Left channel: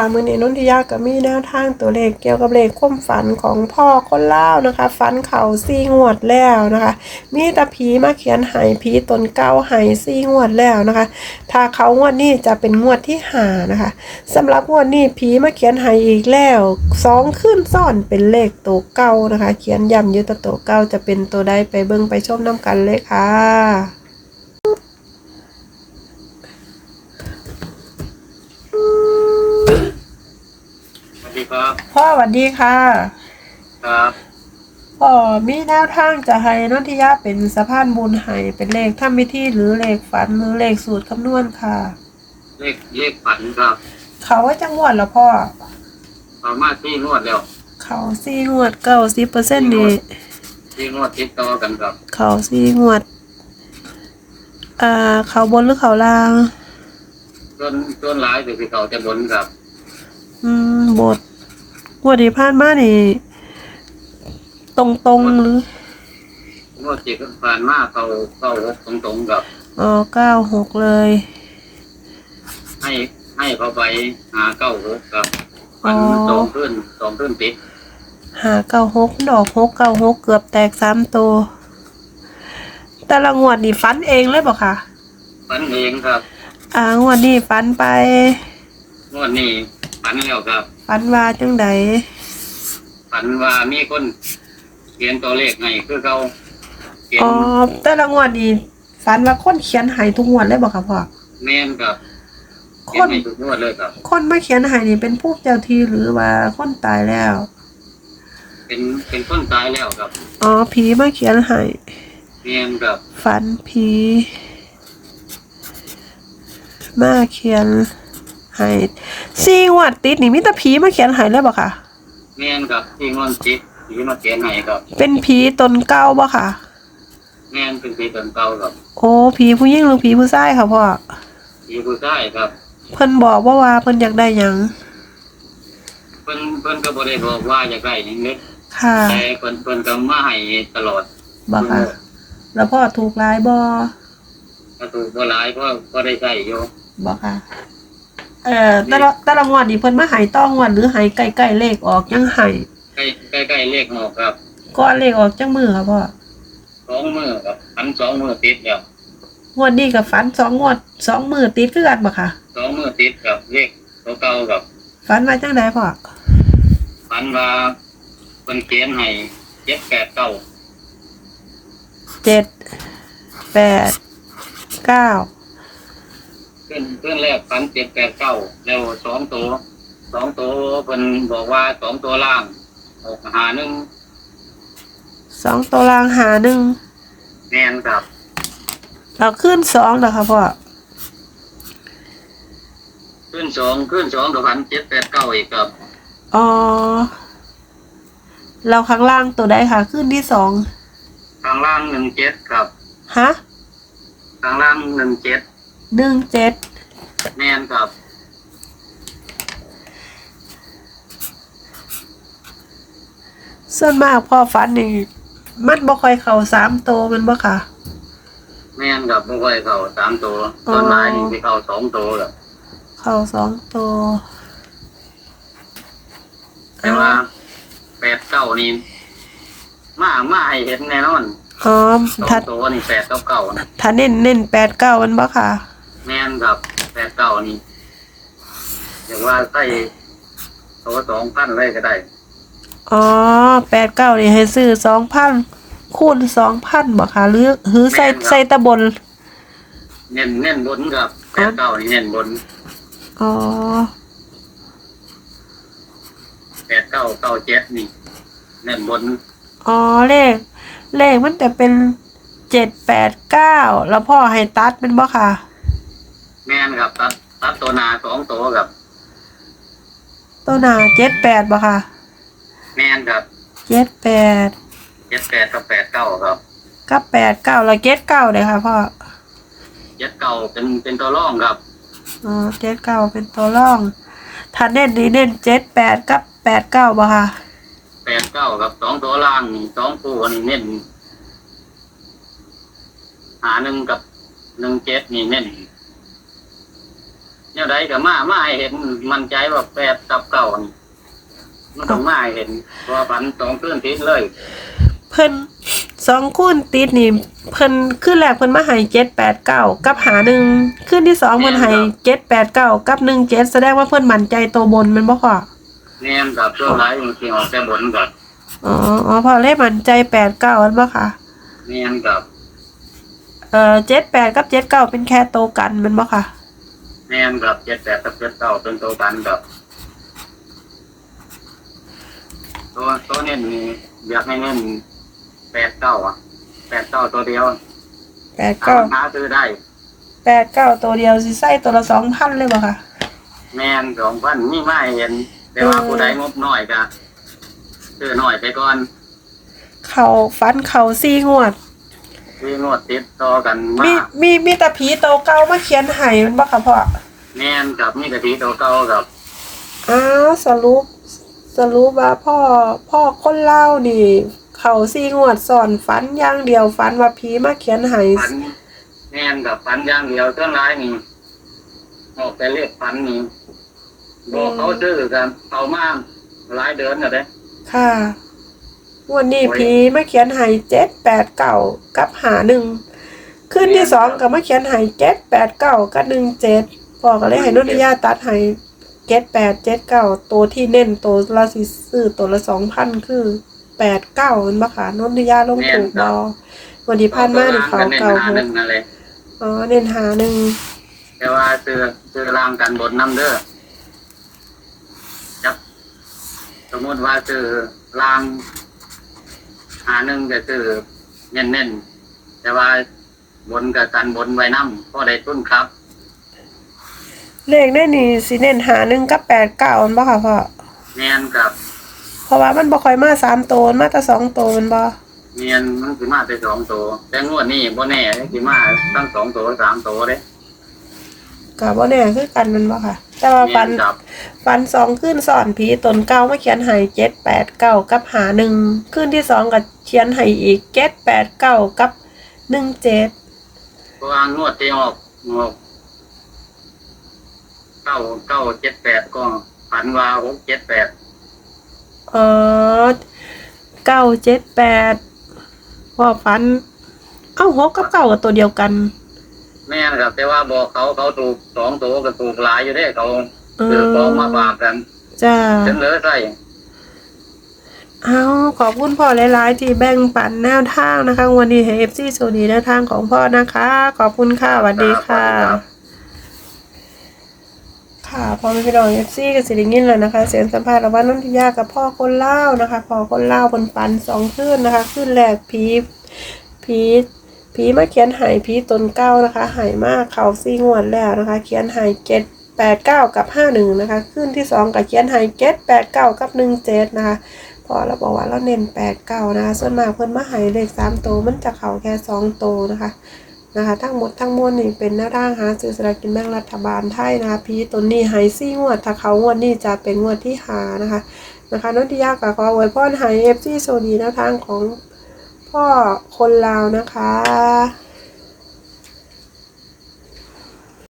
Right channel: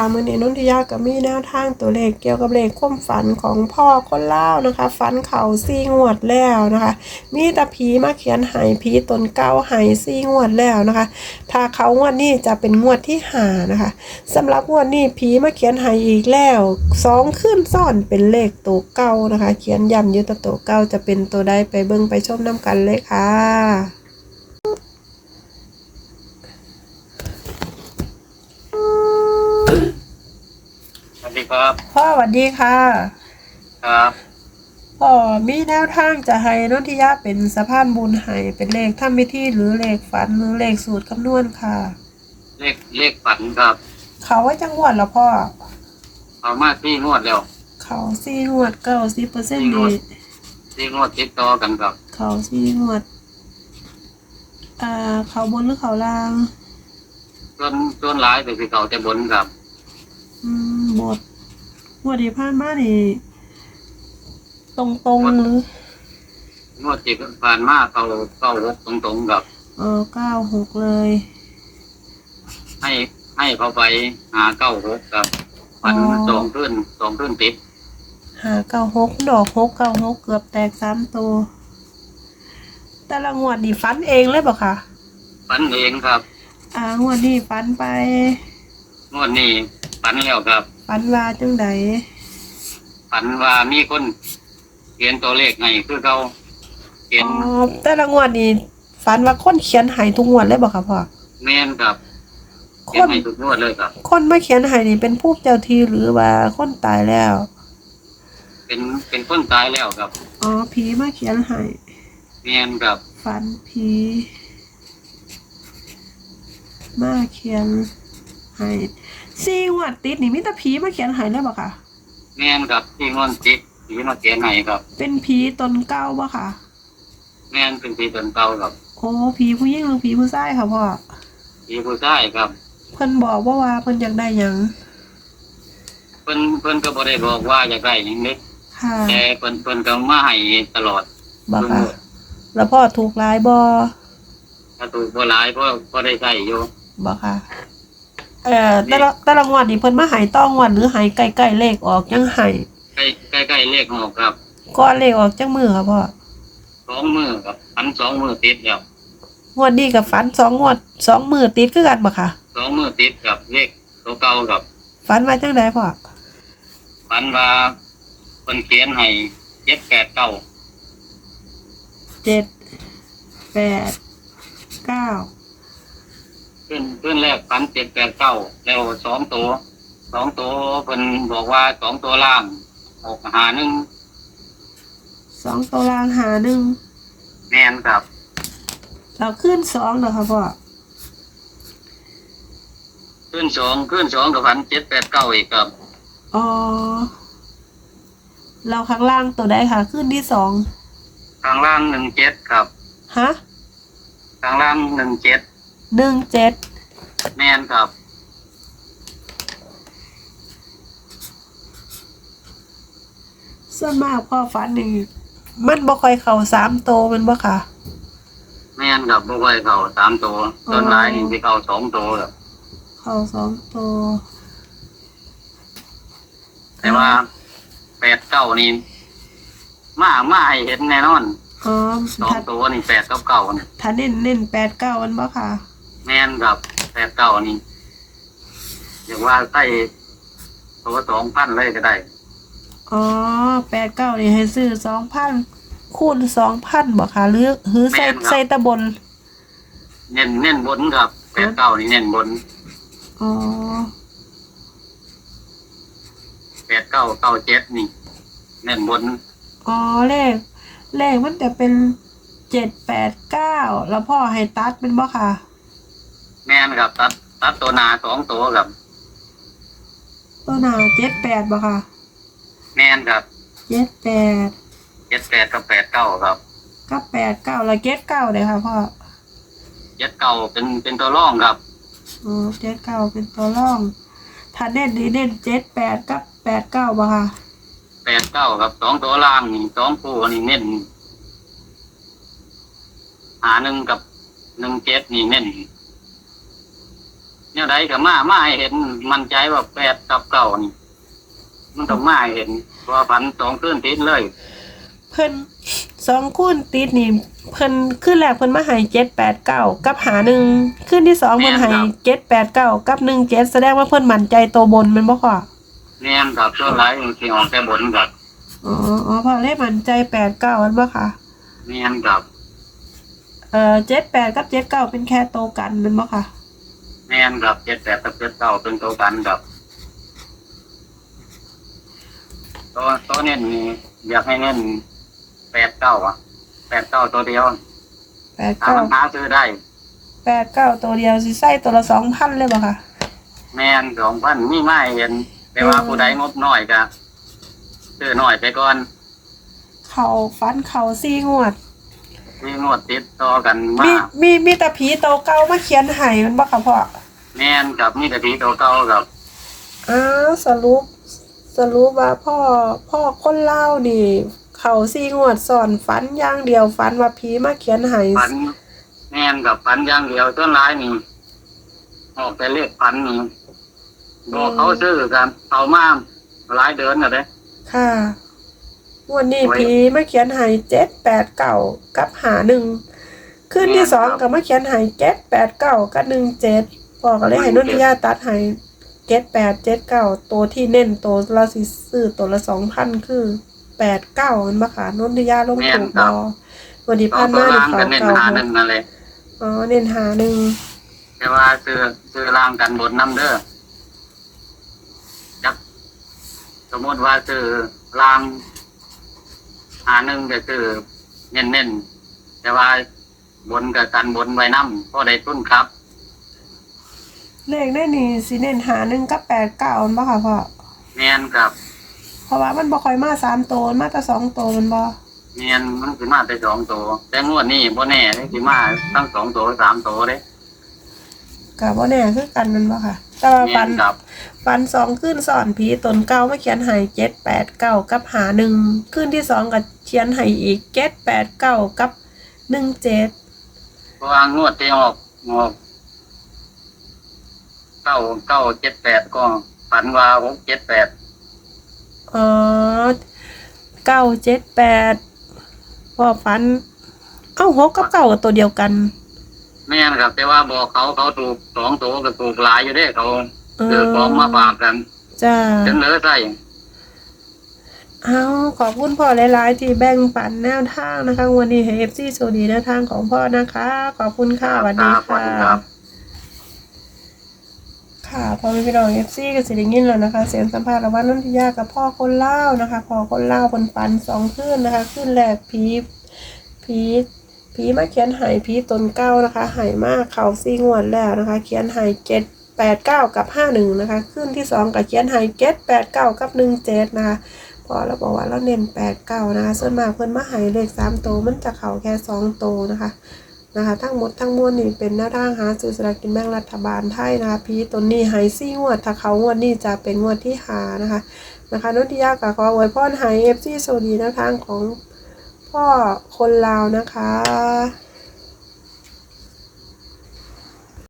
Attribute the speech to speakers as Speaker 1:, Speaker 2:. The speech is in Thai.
Speaker 1: ค่ะมือนี้นนทิยาก็มีแนวทางตัวเลขเกี่ยวกับเลขความฝันของพ่อคนเล่านะคะ ฝันเข่าซี่งวดแล้วนะคะ มีตาผีมาเขียนหายผีตนเก้าหายซี่งวดแล้วนะคะ ถ้าเขางวดนี้จะเป็นงวดที่หานะคะสำหรับงวดนี้ผีมาเขียนหายอีกแล้วสองขึ้นซ่อนเป็นเลขตัวเก้านะคะ เขียนย้ำยุตตัวเก้าจะเป็นตัวใดไปเบิ่งไปชมน้ำกันเลยค่ะ
Speaker 2: สวัสดีครับ
Speaker 1: พ่อสวัสดีค่ะ
Speaker 2: ครับ
Speaker 1: พ่อมีแนวทางจะให้นนทิยาเป็นสะพานบุญให้เป็นเลขทำพิธีหรือเลขฝันหรือเลขสูตรคำนวณค่ะ
Speaker 2: เลขเลขฝันครับ
Speaker 1: เขาว่าจังหวัดละพ่อ
Speaker 2: เอามาที่งวดแล้ว
Speaker 1: เขาสี่งวดเก้าสิบเปอร์เซ็นต์นี่
Speaker 2: ที่งวดติดต่อกันครับ
Speaker 1: เขาสี่งวด อ่า เขาบนหรือเขาล่าง
Speaker 2: ส่วนส่วนหลายเป็นที่เขาจะบนครับ
Speaker 1: อืมบท งวดที่ผ่านมานี่ ตรงตรงๆหรือ ง
Speaker 2: วดที่ผ่านมาเขาเข้าหกตรงๆกับ
Speaker 1: อ๋อเก้าหกเลย
Speaker 2: ให้ให้เขาไปหาเก้าหกครับฝันมันสองขึ้นสองขึ้นติด
Speaker 1: หาเก้าหกดอกหกเก้าหกเกือบแตกสามตัว แต่ละงวดนี่ฟันเองเลยบอกค่ะ
Speaker 2: ฝันเองครับ
Speaker 1: อ่างวดนี้ฟันไป
Speaker 2: งวดนี้ฝันแล้วครับ
Speaker 1: ฟันว่าจังใด
Speaker 2: ฝันว่ามีคนเขียนตัวเลขให้คือเขาเขียน
Speaker 1: อ๋อแต่ละงวดนี่ฟันว่าคนเขียนใหายทุกงวดเลยบอกค่ะพ่อ
Speaker 2: แม่นครับ
Speaker 1: ค
Speaker 2: เขียน
Speaker 1: น
Speaker 2: ให้ทุกงวดเลยครับ
Speaker 1: คนมาเขียนใหายนี่เป็นผู้เจ้าทีหรือว่าคนตายแล้ว
Speaker 2: เป็นเป็นคนตายแล้วครับ
Speaker 1: อ๋อผีมาเขียนใหาย
Speaker 2: แม่นครับ
Speaker 1: ฝันผีมาเขียน ใหายสี่งวดติดนี่มีแต่ผีมาเขียนใหายเลยบอกค่ะ
Speaker 2: แม่นครับที่งอนจิตที่มาเขียนให้ครับ
Speaker 1: เป็นผีตนเก้าบ่ค่ะ
Speaker 2: แม่นเป็นผีตนเก่าครับ
Speaker 1: โอ้ผีผู้หญิงหรือผีผู้ชายค่ะพ่อ
Speaker 2: ผีผู้ชายครับ
Speaker 1: เพิ่นบอกว่าว่าเพิ่นอยากได้หยัง
Speaker 2: เพิ่นเพิ่นก็บ่ได้บอกว่าอยากได้หยังเล็ก
Speaker 1: ค่ะ
Speaker 2: แต่เพิ่นเพิ่นก็มาให้ตลอด
Speaker 1: บอกค่ะ แล้วพ่อถูกหลายบ่
Speaker 2: ถ้าถูกบ่หลายก็ก็ได้ใช้อยู่
Speaker 1: บอกค่ะ เอ่อแต่ละแต่ละงวดนี่เพิ่นมาใหายต้องงวดหรือใหายใกล้ๆเลขออกยังใหาย
Speaker 2: ใกล้ใกล้ใกล้เลขหกครับ
Speaker 1: ก่อนเลขออกจังมือค่ะพ่อ
Speaker 2: สองมือครับอันสองมือติดครับ
Speaker 1: งวดนี้กับฝันสองงวดสองมือติดคือกันบ่ค่ะ
Speaker 2: สองมือติดกับเลขตัวเก่าครับ
Speaker 1: ฝันว่าจังไดพ่อ
Speaker 2: ฝันว่าเพิ่นเขียนให้เจ็ดแปดเก้า
Speaker 1: เจ็ดแปดเก้า
Speaker 2: ขึ้นขึ้นแรกฝันเจ็ดแปดเก้าแล้วสองตัวสองตัวเพิ่นบอกว่าสองตัวล่างออกหาหนึ่ง
Speaker 1: สองตัวรางหาหนึ่ง
Speaker 2: แม่นครับ
Speaker 1: เราขึ้นสองนะคะพ่อ
Speaker 2: ขึ้นสองขึ้นสองกับพันเจ็ดแปดเก้าอีกครับ
Speaker 1: อ๋อเราข้างล่างตัวใดค่ะ ขึ้นที่สอง
Speaker 2: ข้างล่างหนึ่งเจ็ดครับ
Speaker 1: ฮะ
Speaker 2: ข้างล่างหนึ่งเจ็ด
Speaker 1: หนึ่งเจ็ด
Speaker 2: แม่นครับ
Speaker 1: ส่วนมากพ่อฝันนี่มันบ่ค่อยเข้าสามตัวแมันบ่ค่ะ
Speaker 2: แม่นครับบ่ไหวเขาสามตัว
Speaker 1: อ๋อ
Speaker 2: ส่วนหลายนี่ที่เขาสองตัวครับ
Speaker 1: เข้าสองตัว
Speaker 2: แต่ว่าแปดเก้านี่มามาให้เห็นแน่นอน
Speaker 1: อ๋อ
Speaker 2: สอง
Speaker 1: ถ้า
Speaker 2: ตัวนี่แปดเก้าเก้านะ
Speaker 1: ถ้าเน้นเน้นแปดเก้ามันบ่ค่ะ
Speaker 2: แม่นครับแปดเก้านี่อย่างว่าใส่ตัวสองพันเลยก็ได้
Speaker 1: อ๋อแปดเก้านี่ให้ซื้อสองพันคูณสองพันบ่ค่ะหรือหรือใส่
Speaker 2: แม่นครับ
Speaker 1: ใส่ตะบน
Speaker 2: เน้นเน้นบนครับแปดเก้านี่เน้นบน
Speaker 1: อ๋อ
Speaker 2: แปดเก้าเก้าเจ็ดนี่เน้นบน
Speaker 1: อ๋อเลข เลขมันแต่เป็นเจ็ดแปดเก้าแล้วพ่อให้ตัดเป็นบ่ค่ะ
Speaker 2: แม่นครับตัดตัดตัวหนาสองตัวครับ
Speaker 1: ตัวหนาเจ็ดแปดบ่ค่ะ
Speaker 2: แม่นครับ
Speaker 1: เจ็ดแปด
Speaker 2: เจ็ดแปดกับแปดเก้าครับ
Speaker 1: กับแปดเก้าแล้วเจ็ดเก้าเลยค่ะพ่อ
Speaker 2: เจ็ดเก้าเป็นเป็นตัวร่องครับ
Speaker 1: อ๋อเจ็ดเก้าเป็นตัวร่องถ้าเน้นนี่เน้นเจ็ดแปดกับแปดเก้าบ่ค่ะ
Speaker 2: แปดเก้ากับสองตัวล่างนี่สองคู่นี่เน้นหาหนึ่งกับหนึ่งเจ็ดนี่เน้น เนี่ยใดก็มามาให้เห็น มันใจว่าแปดกับเก่านี่มันต้องมาให้เห็นว่าฝันสองคืนติดเลย
Speaker 1: เพิ่นสองคูณติดนี่ เพิ่นขึ้นแรกเพิ่นมาให้เจ็ดแปดเก้ากับหาหนึ่งขึ้นที่สองเพิ่นให้เจ็ดแปดเก้ากับหนึ่งเจ็ดแสดงว่าเพิ่นมั่นใจตัวบนแมันบ่พ่อ
Speaker 2: เนียนกับช่วงไรจริงๆออกแต่บนกับ
Speaker 1: อ๋ออ๋อพ่อเลขมั่นใจแปดเก้าอันบ่ค่ะ
Speaker 2: เนียนกับ
Speaker 1: เอ่อเจ็ดแปดกับเจ็ดเก้าเป็นแค่โตวกันแมันบ่ค่ะ
Speaker 2: เนียนกับเจ็ดแปดกับเจ็ดเก้าเป็นตัวกันกับตัวตัวเน้นนี่อยากให้เน้นแปดเก้าอะแปดเก้าตัวเดียว
Speaker 1: แปด
Speaker 2: ถ้า
Speaker 1: เก้า
Speaker 2: หาซื้อได้
Speaker 1: แปดเก้าตัวเดียวสิใส่ตัวละสองพันเลยบ่ค่ะ
Speaker 2: แมนสองพันนี่ไม่เห็นแต่ว่าผู้ใดงบน้อยก็ซื้อน้อยไปก่อน
Speaker 1: เขาฟันเขาซี่งวด
Speaker 2: ที่งวดติดต่อกัน
Speaker 1: มี
Speaker 2: มา
Speaker 1: มีมีแต่ผีโตเก่ามาเขียนให้มันบ่ค่ะพ่อ
Speaker 2: แมนกับนี่กะทิตัวเก่ากับ
Speaker 1: อ้าวสรุป สรุปว่าพ่อพ่อคนเล่าวนี่ เขาซี่งวดสอนฝันอย่างเดียวฝันว่าผีมาเขียนให้
Speaker 2: ฝันแมนกับฝันอย่างเดียวต้นร้ายนี่ออกไปเลขฝันนี่บอกเขาซื้อกันเอามาหลายเดือนแล้วเด้
Speaker 1: ค่ะ วันนี้ผีมาเขียนให้เจ็ดแปดเก้ากับหาหนึ่งขึ้นที่สองก็มาเขียนให้เจ็ดแปดเก้ากับหนึ่งเจ็ดพ่อก็เลยให้นนทิยาตัดให้เจ็ดแปดเจ็ดเก้าตัวที่เน้นตัวละสิซื้อตัวละสองพันคือแปดเก้ามันบ่ค่ะนนทิยาลงถูกบอวันที่ผ่านมานี่เขา
Speaker 2: เน้น
Speaker 1: เก่า
Speaker 2: หา
Speaker 1: ห
Speaker 2: หนึ่
Speaker 1: ก
Speaker 2: งนั่นเลย
Speaker 1: อ๋อเน้นหาหนึ่ง
Speaker 2: แต่ว่าซื้อซื้อรางกันบนน้ำเด้อครับสมมติว่าซื้อราง หาหนึ่งก็คือเน้นเน้นๆแต่ว่าบนกับกันบนไว้น้ำก็ได้ต้นครับ
Speaker 1: เลขได้นี่สิเน้นหาหนึ่งกับแปดเก้ามันบ่ค่ะพ่อ
Speaker 2: เนียนกับ
Speaker 1: เพราะว่ามันบ่ค่อยมาสามตัวมันมาแต่สองตัวมันบ่
Speaker 2: เนียนมันสิมาไปสองตัวแต่งวดนี้บ่แน่สิมาทั้งสองตัวสามตัวเด้
Speaker 1: ก็บ่แน่คือกันมันบ่ค่ะ แต่ว่า
Speaker 2: เนี
Speaker 1: ฟั
Speaker 2: ย
Speaker 1: น
Speaker 2: นกับ
Speaker 1: ฟันสองขึ้นสอนผีตนเก้ามาเขียนให้เจ็ดแปดเก้ากับหาหนึ่งขึ้นที่สองก็เขียนให้อีกเจ็ดแปดเก้ากับหนึ่งเจ็ด
Speaker 2: เพราะว่างวดที่ออกงวดเก้าเก้าเจ็ดแปดก็ฝันว่าหกเจ็ดแปด
Speaker 1: อ๋อเก้าเจ็ดแปดพอฟัน เอ้าหกกับเก้ากับตัวเดียวกัน
Speaker 2: แม่นครับ แต่ว่าบอกเขาเขาถูกสองตัวก็ถูกหลายอยู่เด้เขา
Speaker 1: เอ
Speaker 2: ซื้อ
Speaker 1: อ
Speaker 2: ของมาฝากกัน
Speaker 1: จ้า
Speaker 2: เสนอใส่
Speaker 1: เอาขอบคุณพ่อหลายๆ ที่แบ่งปันแนวทางนะคะวันนี้ให้เอฟซีโซดีแนวทางของพ่อนะคะ ขอบคุณค่ะสวัสดีค่ะค่ะพอมีพี่น้องเอฟซีกับสิริงินแล้วนะคะ เสียงสัมภาษณ์ระหว่างนันทิยากับพ่อคนเล่าวนะคะพ่อคนเล่าวคนปันสองขึ้นนะคะขึ้นแรกผีผี ผีมาเขียนหายผีตนเก้านะคะหายมากเขาซีงวดแล้วนะคะ เขียนหายเจ็ดแปดเก้ากับห้าหนึ่งนะคะขึ้นที่สองกับเขียนหายเจ็ดแปดเก้ากับหนึ่งเจ็ดนะคะพอเราบอกว่าเราเน้นแปดเก้านะคะส่วนมากเพิ่อนมาหายเลขสามตัวมันจะเข่าแค่สองตัวนะคะนะคะ ทั้งหมดทั้งมวลนี่เป็นแนวทางหาซื้อสลากกินแบ่งรัฐบาลไทยนะคะพีตัวนี้หายซี่งวด ถ้าเขางวดนี่จะเป็นงวดที่หานะคะนะคะนนทิยากับขออวยพรหายเอฟซีโซดีแนวทางของ ก็คนลาวนะคะ